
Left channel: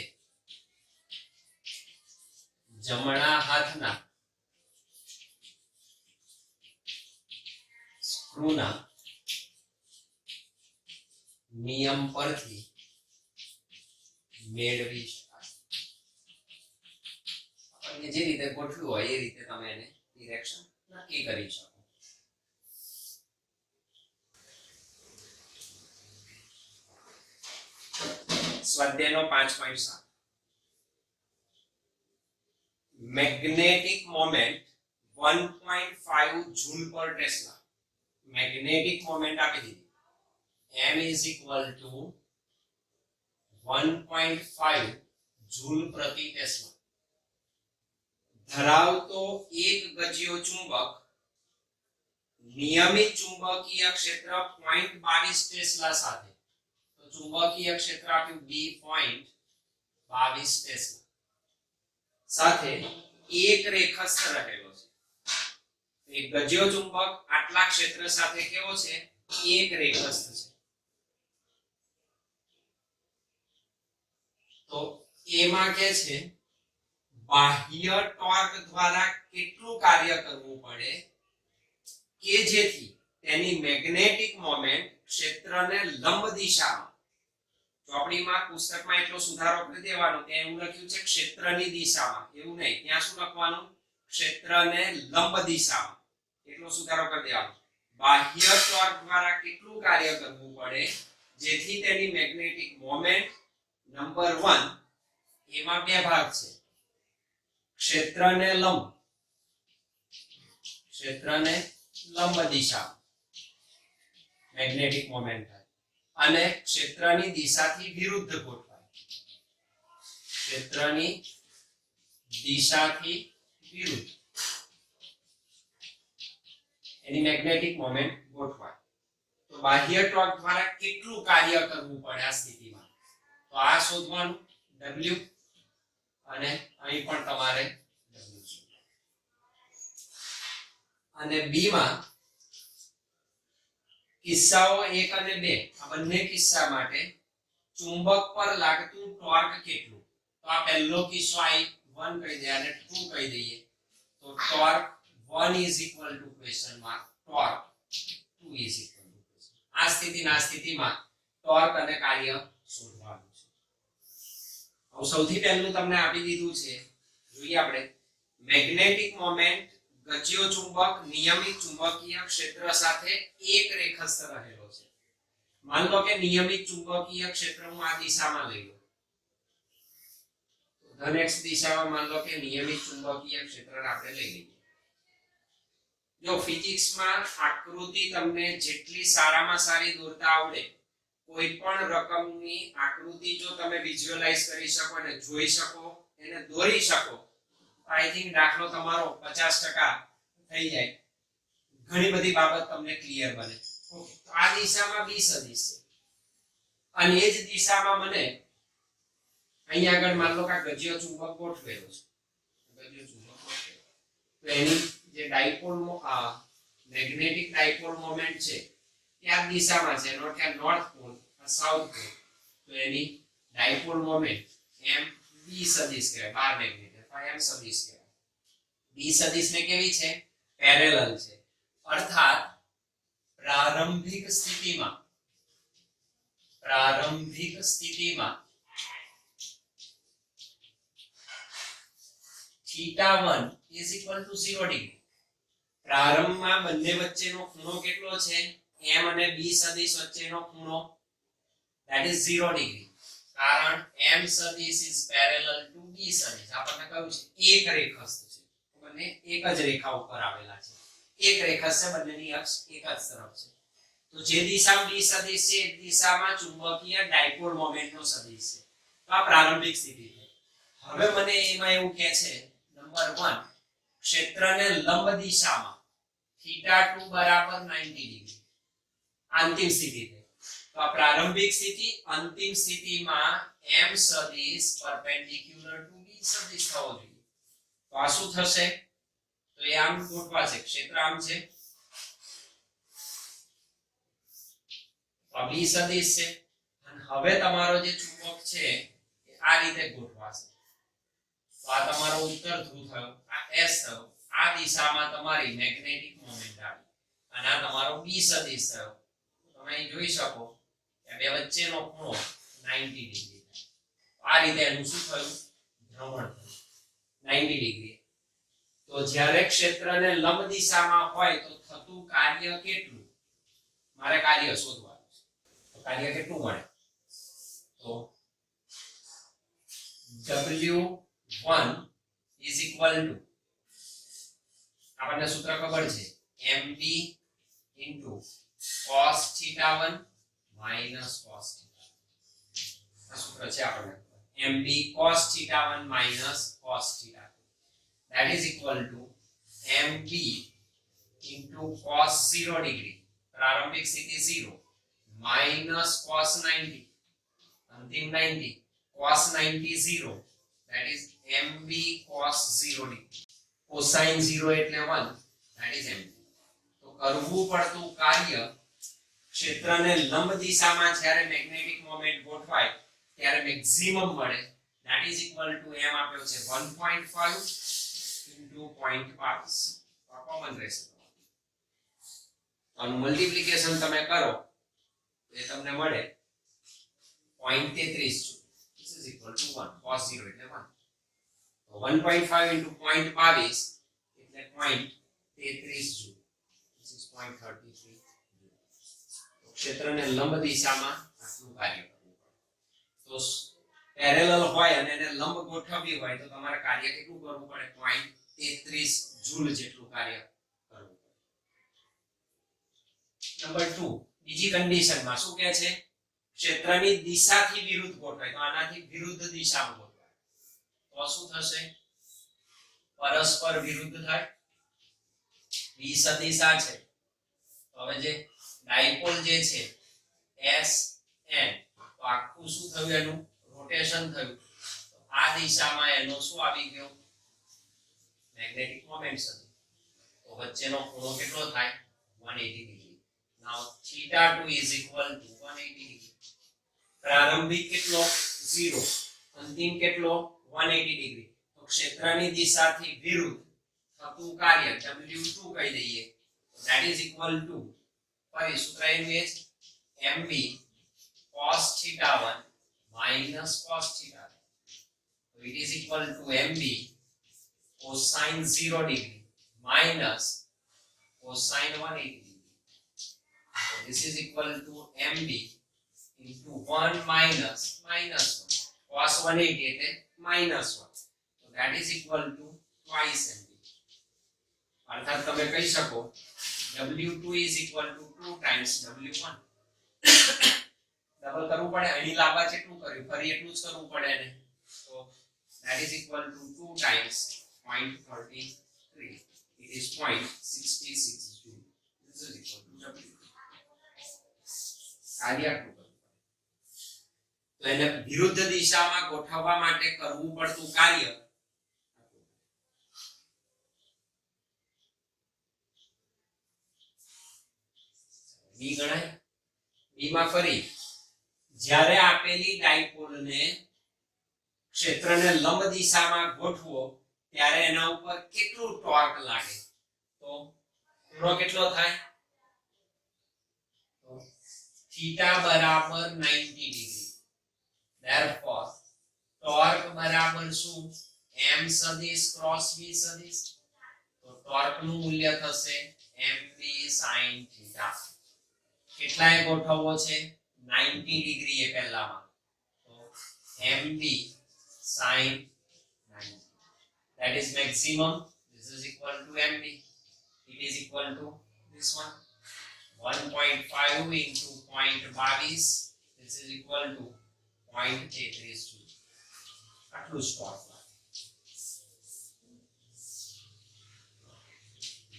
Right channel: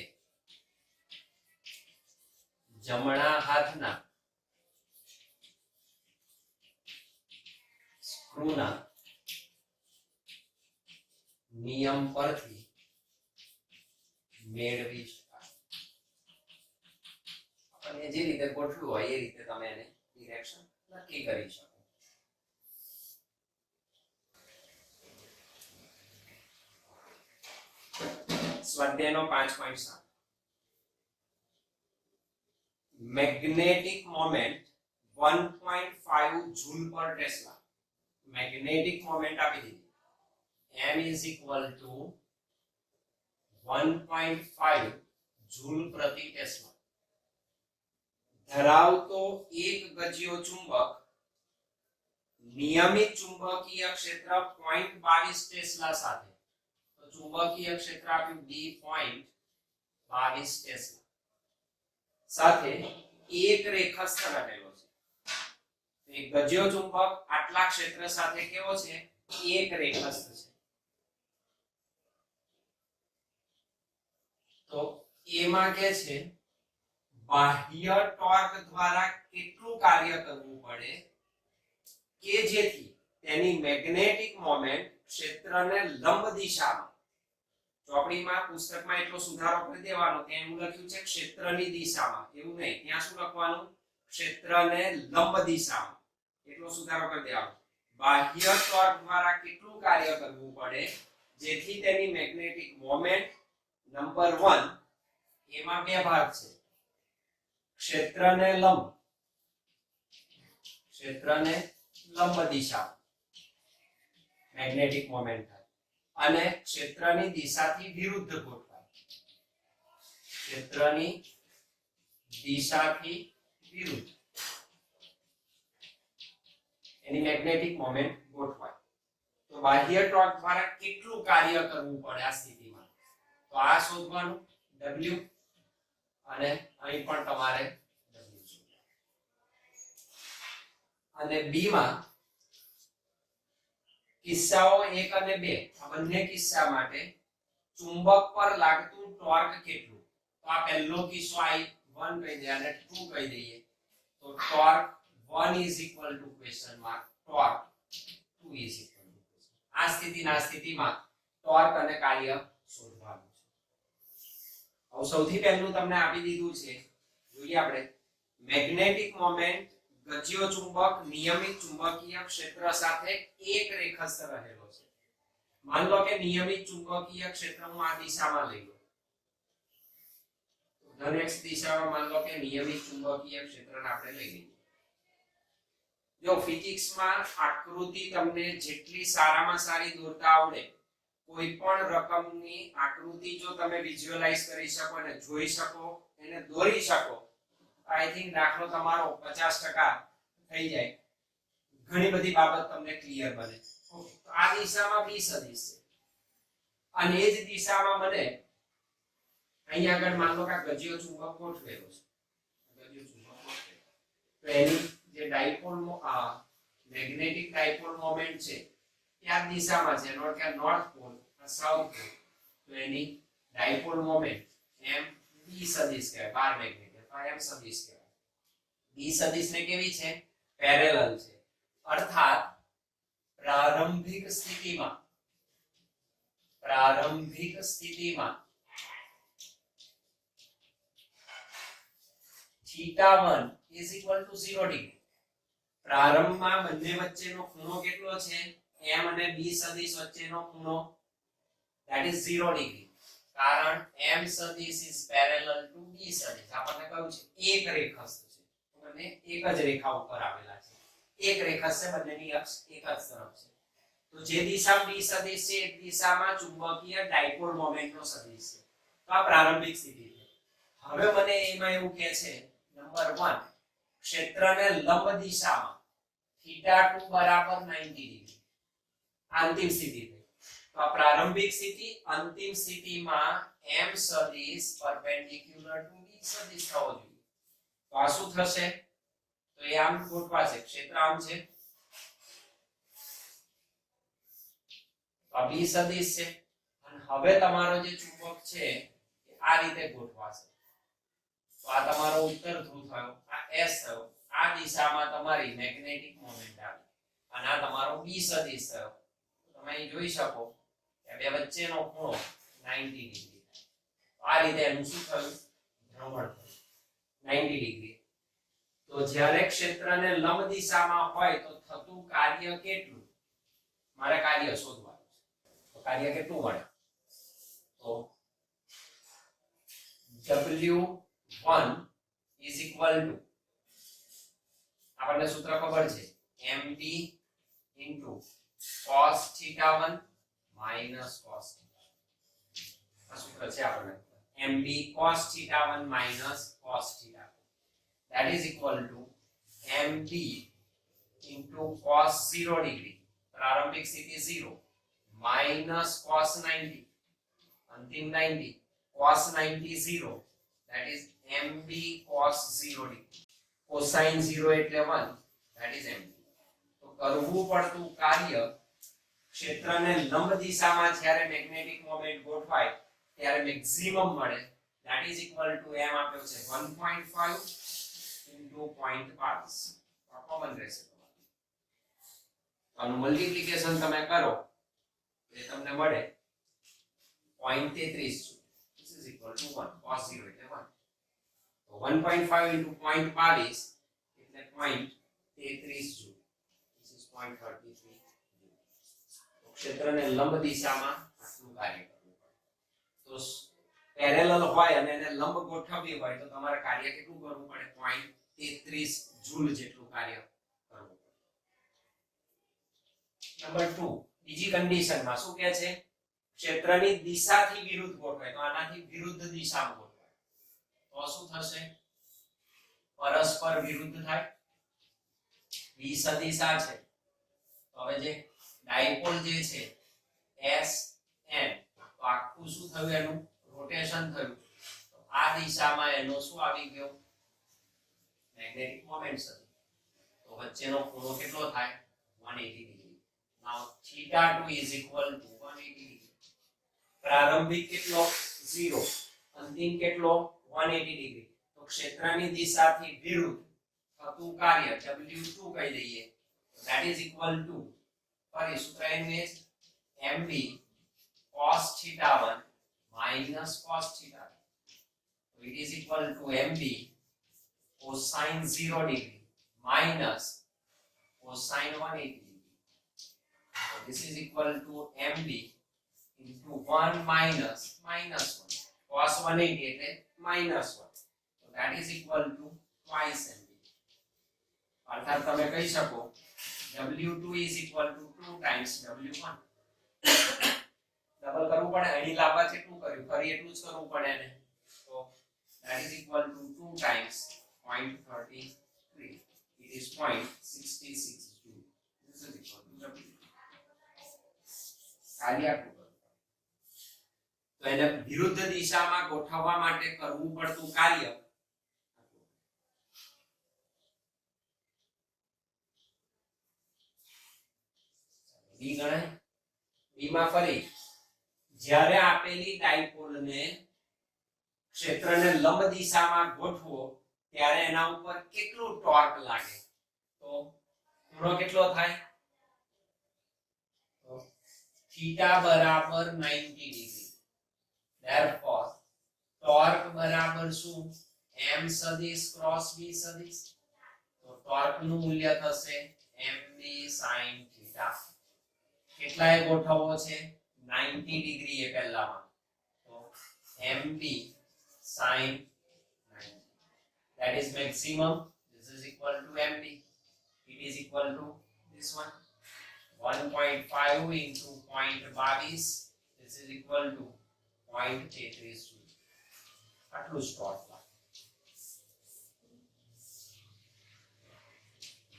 જમણા હાથના સ્ક્રૂના નિયમ પરથી મેળવી શકાય. આપણને જે રીતે ગોઠવ્યું હોય એ રીતે તમે એને ડિરેક્શન નક્કી કરી શકો. સ્વાધ્યાયનો 5.7 મેગ્નેટિક મોમેન્ટ 1.5 જૂલ પર ટેસ્લા. મેગ્નેટિક મોમેન્ટ આપી દીધી m is equal to 1.5 joule પ્રતિ ટેસ્લા ધરાવતો એક ગજિયો ચુંબક નિયમિત ચુંબકીય ક્ષેત્ર 0.22 ટેસ્લા સાથે. તો ચુંબકીય ક્ષેત્ર આપ્યું b 0.22 ટેસ્લા સાથે એક રેખસ્થ રહેલો છે. એક ગજિયો ચુંબક આટલા ક્ષેત્ર સાથે કેવો છે? એક રેખસ્થ છે. તો એમાં કે છે બાહ્ય ટોર્ક દ્વારા કેટલું કાર્ય કરવું પડે કે જેથી તેની મેગ્નેટિક મોમેન્ટ ક્ષેત્રને લંબ દિશામાં, ચોપડીમાં પુસ્તકમાં એટલો સુધારો કરી દેવાનો કે એવું લખ્યું છે ક્ષેત્રની દિશામાં, એવું નહીં, ત્યાં શું લખવાનું? ક્ષેત્રને લંબ દિશામાં, એટલો સુધારો કરી દેવાનો. બાહ્ય ટોર્ક દ્વારા કેટલું કાર્ય કરવું પડે જેથી તેની મેગ્નેટિક મોમેન્ટ નંબર 1 એમાં બે ભાગ છે. ક્ષેત્રને લંબ દિશા મેગ્નેટિક મોમેન્ટ થાય અને ક્ષેત્રની દિશાથી વિરુદ્ધ ગોઠવાય. ક્ષેત્રની દિશાથી વિરુદ્ધ એની મેગ્નેટિક મોમેન્ટ ગોઠવાય. તો બાહ્ય ટોર્ક દ્વારા કેટલું કાર્ય કરવું પડે આ સ્થિતિમાં? તો આ શોધવાનું W અને અહીં પણ તમારે W શોધવાનું. અને B માં કિસ્સાઓ 1 અને 2 આ બંને કિસ્સા માટે ચુંબક પર લાગતું ટોર્ક કેટલું? તો આ પહેલો કિસ્સો I1 કહી દે અને 2 કહી દઈએ. તો torque 1 is equal to question mark torque 2 is equal to question. આ સ્થિતિમાં ટોર્ક અને કાર્ય શોધવાનું છે. હવે સૌથી પહેલું તમને આપી દીધું છે, જોઈએ આપણે. મેગ્નેટિક મોમેન્ટ ગજિયો ચુંબક નિયમિત ચુંબકીય ક્ષેત્ર સાથે એક રેખસ્થ રહેલો છે. માન લો કે નિયમિત ચુંબકીય ક્ષેત્ર હું આ દિશામાં લઈ લઉં, ધન x દિશામાં માન લો કે નિયમિત ચુંબકીય ક્ષેત્રને આપણે લઈ લઈએ. જો ફિઝિક્સમાં આકૃતિ તમને જેટલી સારામાં સારી દોરતા આવડે, કોઈ પણ રકમની આકૃતિ જો તમે વિઝ્યુઅલાઇઝ કરી શકો અને જોઈ શકો, એને દોરી શકો, આઈ થિંક દાખલો તમારો 50% થઈ જાય. ઘણી બધી બાબત તમને ક્લિયર બને. ઓકે, તો આ દિશામાં b સદિશ છે અને એ જ દિશામાં મને અહીંયા આગળ માન લો કે ગજિયો ચુંબક ગોઠવેલો છે. ગજિયો ચુંબક ગોઠવેલો, તો એની જે ડાયપોલ મેગ્નેટિક ડાયપોલ મોમેન્ટ છે એ આ દિશામાં છે, નોટ કે નોર્થ પોલ સાઉથ પોલ. તો એની ડાયપોલ મોમેન્ટ m b સદિશ કહેવાય. બાર મેગ્નેટ m સદિશ કહેવાય. b સદિશ ને કેવી છે? પેરેલલ છે. અર્થાત પ્રારંભિક સ્થિતિમાં θ1 is equal to 0 ડિગ્રી. પ્રારંભમાં બંને વચ્ચેનો ખૂણો કેટલો છે? m અને b સદિશ વચ્ચેનો ખૂણો that is 0 ડિગ્રી. કારણ m સદિશ is parallel to b સદિશ. આપણને કહ્યું છે એક રેખસ્થ છે, બંને એક જ રેખા ઉપર આવેલા છે. એક રેખસ્થ છે, બંનેની અક્ષ એક જ તરફ છે. તો જે દિશામાં b સદિશ છે એ દિશામાં ચુંબકીય ડાયપોલ મોમેન્ટનો સદિશ છે. તો આ પ્રારંભિક સ્થિતિ છે. હવે મને એમાં એવું કહે છે નંબર 1 ક્ષેત્રને લંબ દિશામાં θ2 બરાબર 90 ડિગ્રી. અંતિમ સ્થિતિ છે. તો આ પ્રારંભિક સ્થિતિ, અંતિમ સ્થિતિમાં m સદિશ પરપેન્ડિક્યુલર ટુ b સદિશ થવો જોઈએ. તો આ શું થશે? તો એ આમ ગોઠવા છે, ક્ષેત્ર આમ છે, આ b સદિશ છે અને હવે તમારો જે ચુંબક છે એ આ રીતે ગોઠવાશે. તો આ તમારો ઉત્તર ધ્રુવ થયો, આ S થયો, આ દિશામાં તમારી મેગ્નેટિક મોમેન્ટ આવી અને આ તમારો B સદિશ થયો. તમે અહીં જોઈ શકો કે બે વચ્ચેનો ખૂણો 90 ડિગ્રી થાય. આ રીતે એનું શું થયું? ભ્રમણ થયું 90 ડિગ્રી. તો જ્યારે ક્ષેત્રને લંબ દિશામાં હોય તો થતું કાર્ય કેટલું? મારે કાર્ય શોધવાનું છે. તો કાર્ય કેટલું મળે? તો W1 is equal to, આપણને સૂત્ર ખબર છે, md into cos θ1 minus cos θ. આ સૂત્ર છે આપણને, md cos θ1 minus cos θ. that is equal to mb into cos 0 degree, પ્રારંભિક સ્થિતિ 0, minus cos 90, અંતિમ 90, cos 90 0, that is mb cos 0 degree. cosine 0 એટલે 1, that is mb. તો કરવું પડતું કાર્ય ક્ષેત્રને લંબ દિશામાં જ્યારે મેગ્નેટિક મોમેન્ટ ગોઠવાય ત્યારે મેક્સિમમ મળે, that is equal to m આપ્યો છે 1.5 into 0.22. આ કોમન રહેશે. આનું મલ્ટીપ્લિકેશન તમે કરો એ તમને મળે 0.33 joule. This is equal to 1. cos 0 એટલે 1. તો 1.5 into 0.22 એટલે 0.33 જૂલ. This is 0.33 joule. તો ક્ષેત્રને લંબ દિશામાં આટલું કાર્ય કરવું પડે. તો પેરેલલ હોય અને એને લંબ ગોઠવવી હોય તો તમારે કાર્ય કેટલું કરવું પડે? 0.33 જૂલ જેટલું કાર્ય કરવું પડે. નંબર 2, બીજી કન્ડિશનમાં શું કહે છે? ક્ષેત્રની દિશાથી વિરુદ્ધ ગોઠવાય તો આનાથી વિરુદ્ધ દિશામાં ગોઠવાય તો શું થશે? પરસ્પર વિરુદ્ધ થાય. B સદિશ આ છે, તો હવે જે ડાયપોલ જે છે SN, તો આખું શું થયું? એનું રોટેશન થયું. તો આ દિશામાં એનો શું આવી ગયો? મેગ્નેટિક મોમેન્ટ હતી. તો વચ્ચેનો ખૂણો કેટલો થાય? 180 degree. Now θ2 is equal to 180 degree. પ્રારંભિક કેટલો? 0, અંતિમ કેટલો? 180 ડિગ્રી. તો ક્ષેત્રની દિશાથી વિરુદ્ધ થતું કાર્ય W2 કહી દઈએ, that is equal to, ફરી સૂત્ર એનું એ છે, mb cos θ1 minus cos θ2. so it is equal to mb cosine 0 degree minus cosine 180 degree. so this is equal to mb into 1 minus 1 cos 180 એટલે minus 1. so that is equal to twice mb. અર્થાત તમે કહી શકો W2 is equal to 2 times W1. Double કરવું પડે, અહીં લાંબા જેટલું કર્યું ફરી એટલું જ કરવું પડે ને. તો that is equal to 2 times 0.33. it is 0.66 joule. this is equal to W. કાર્ય આટલું કરવું પડે. તો એને વિરુદ્ધ દિશામાં ગોઠવવા માટે કરવું પડતું કાર્ય B ગણાય. B માં ફરી જ્યારે આપેલી ડાયપોલને ક્ષેત્રને લંબ દિશામાં ગોઠવો ત્યારે એના ઉપર કેટલું ટોર્ક લાગે? તો ખૂણો કેટલો થાય? તો θ બરાબર 90 ડિગ્રી. therefore ટોર્ક બરાબર શું? m સદિશ ક્રોસ b સદિશ. તો ટોર્ક નું મૂલ્ય થશે mb sin θ. કેટલાય ગોઠવવો છે? 90 ડિગ્રી એ પહેલામાં. તો mb sin 90, that is maximum. this is equal to mb. it is equal to this one, 1.5 into 0.22. this is equal to 0.33 joule. આટલું સ્ટોક લાગે.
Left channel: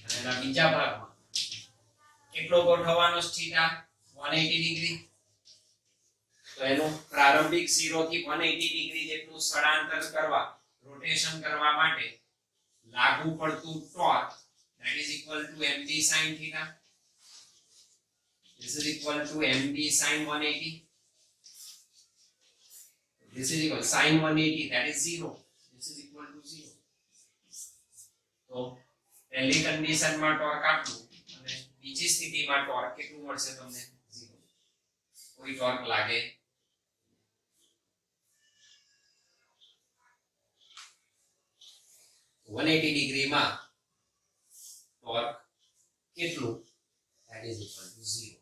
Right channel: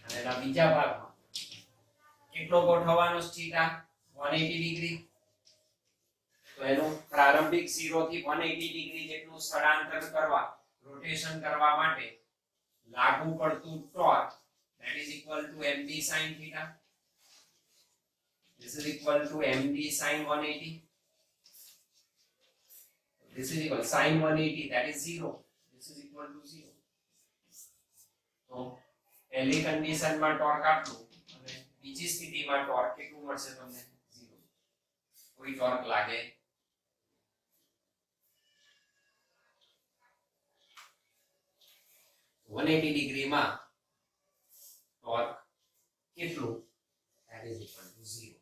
અને એના બીજા ભાગમાં કેટલો ગોઠવવાનો છે? θ 180 ડિગ્રી. તો એનું પ્રારંભિક 0 થી 180 ડિગ્રી જેટલું સ્થળાંતર કરવા, રોટેશન કરવા માટે લાગુ પડતું torque, that is equal to mb sin θ. this is equal to mb sin 180. this is equal sin 180 that is 0, this is equal to 0. તો પહેલી કન્ડિશનમાં ટોર્ક આટલું અને બીજી સ્થિતિમાં ટોર્ક કેટલું મળશે તમને 0. કોઈ ટોર્ક લાગે 180 ડિગ્રીમાં ટોર્ક કેટલું that is equal to 0.